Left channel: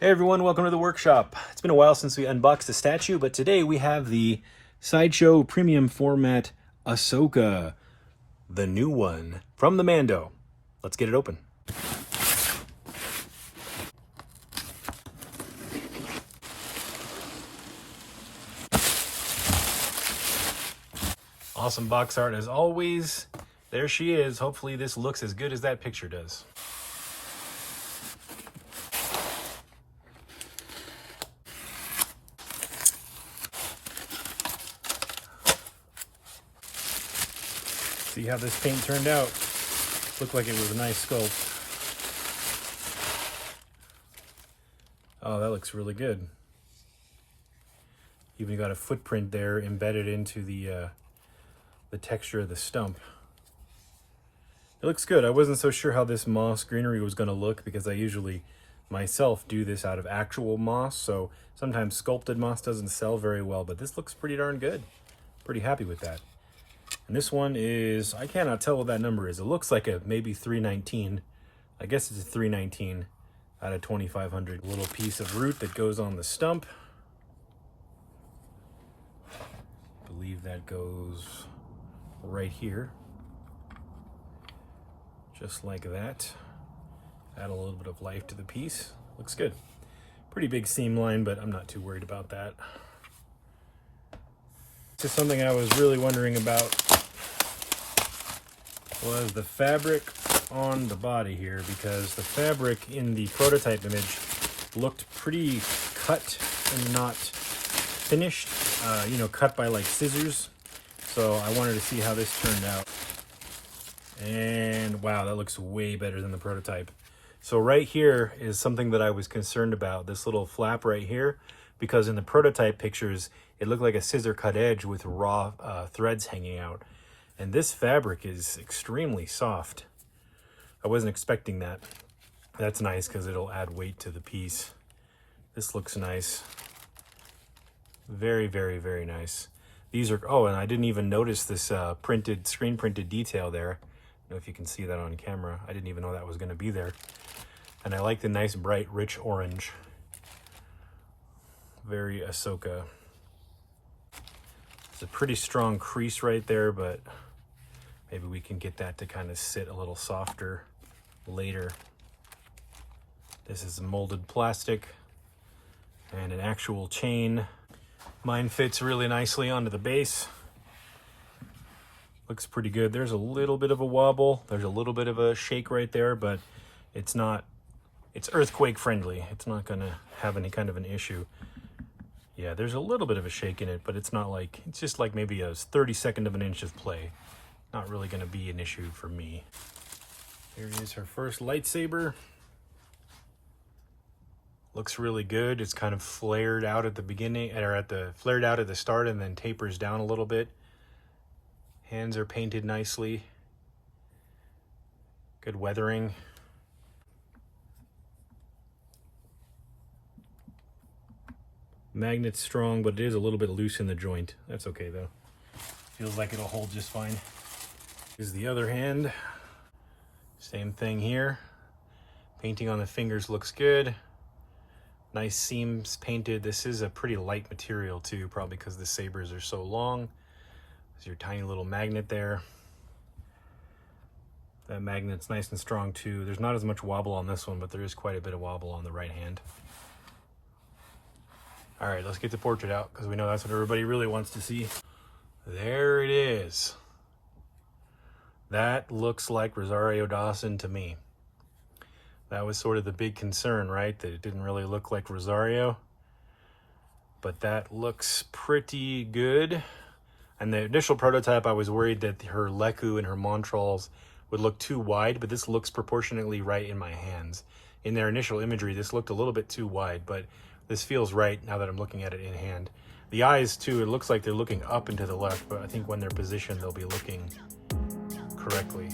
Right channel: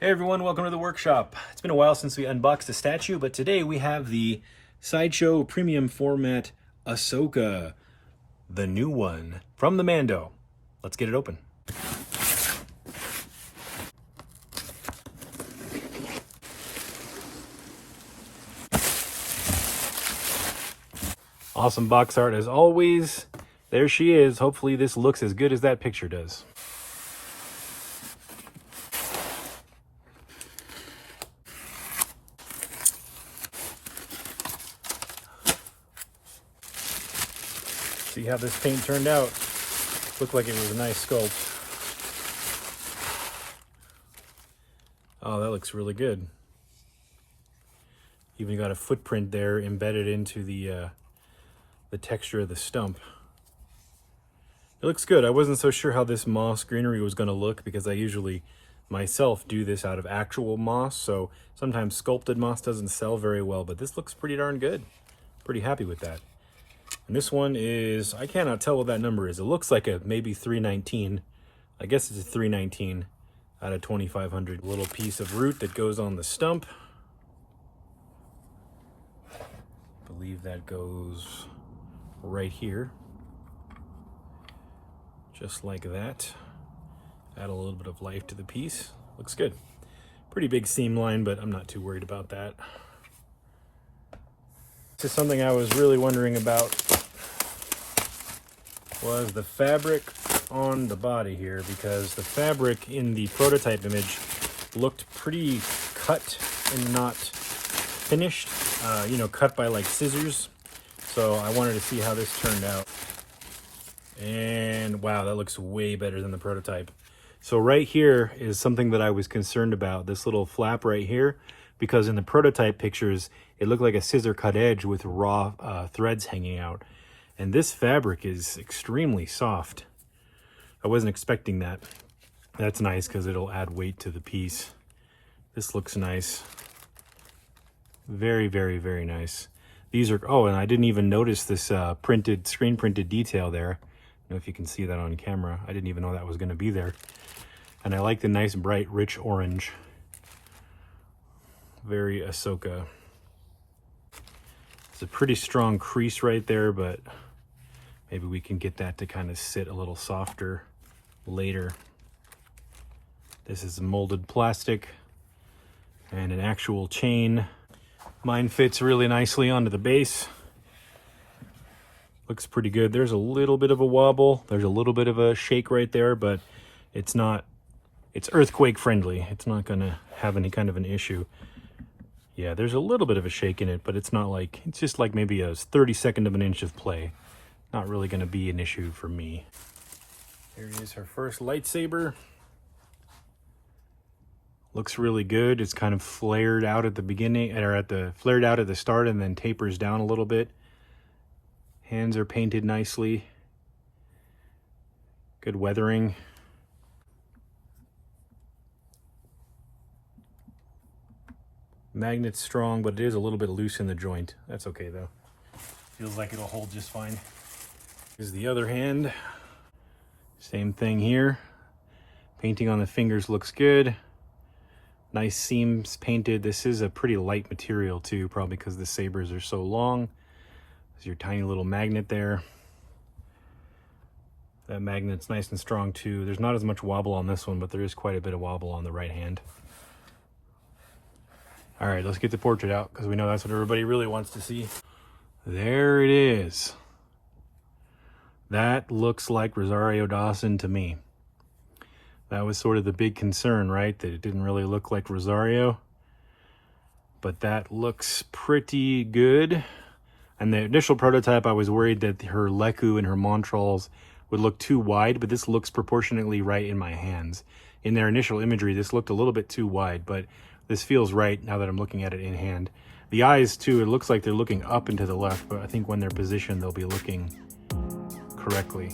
Hey everyone, welcome to the workshop. It's been a while since we unboxed the statue, but today we have the Sideshow Premium Format Ahsoka, the new one from the Mando. Let's get it open. Awesome box art as always. There she is. Hopefully this looks as good as that picture does. See how this paint turned out. Looked like it was a nice sculpt. Oh, that looks really good. Even got a footprint there embedded into the texture of the stump. It looks good. I wasn't so sure how this moss greenery was going to look because I usually myself do this out of actual moss, so sometimes sculpted moss doesn't sell very well, but this looks pretty darn good. Pretty happy with that. And this one is, I cannot tell what that number is. It looks like a maybe 319. I guess it's a 319 out of 2,500. A little piece of root that goes on the stump. I believe that goes right here. Just like that. Add a little bit of life to the piece. Looks good. Pretty big seam line, but I'm not too worried about that. This is something I was really wondering about, was the fabric on the body here, because the fabric in the prototype image looked pretty cut and not finished, cut by like scissors. So I wanted to see how this turned out. And wow, that looks way better than the prototype. So right here is something that I was concerned about, this little flap right here, because in the prototype pictures, it looked like a scissor cut edge with raw threads hanging out. And this fabric is extremely soft. I wasn't expecting that. That's nice because it'll add weight to the piece. This looks nice. Very, very, very nice. These are, oh, and I didn't even notice this screen printed detail there. I don't know if you can see that on camera. I didn't even know that was going to be there. And I like the nice, bright, rich orange. Very Ahsoka. It's a pretty strong crease right there, but maybe we can get that to kind of sit a little softer later. This is molded plastic and an actual chain. Mine fits really nicely onto the base. Looks pretty good. There's a little bit of a wobble. There's a little bit of a shake right there, but it's earthquake friendly. It's not gonna have any kind of an issue. Yeah, there's a little bit of a shake in it, but it's not like, it's just like maybe a 32nd of an inch of play. Not really gonna be an issue for me. There is her first lightsaber. Looks really good. It's kind of flared out at the beginning, or flared out at the start and then tapers down a little bit. Hands are painted nicely. Good weathering. Magnet's strong, but it is a little bit loose in the joint. That's okay though. Feels like it'll hold just fine. This is the other hand. Same thing here. Painting on the fingers looks good. Nice seams painted. This is a pretty light material too, probably because the sabers are so long. There's your tiny little magnet there. That magnet's nice and strong too. There's not as much wobble on this one, but there is quite a bit of wobble on the right hand. All right, let's get the portrait out because we know that's what everybody really wants to see. There it is. That looks like Rosario Dawson to me. That was sort of the big concern, right? That it didn't really look like Rosario. But that looks pretty good. And the initial prototype, I was worried that her Leku and her Montrals would look too wide, but this looks proportionately right in my hands. In their initial imagery, this looked a little bit too wide, but this feels right now that I'm looking at it in hand. The eyes too, it looks like they're looking up and to the left, but I think when they're positioned, they'll be looking correctly.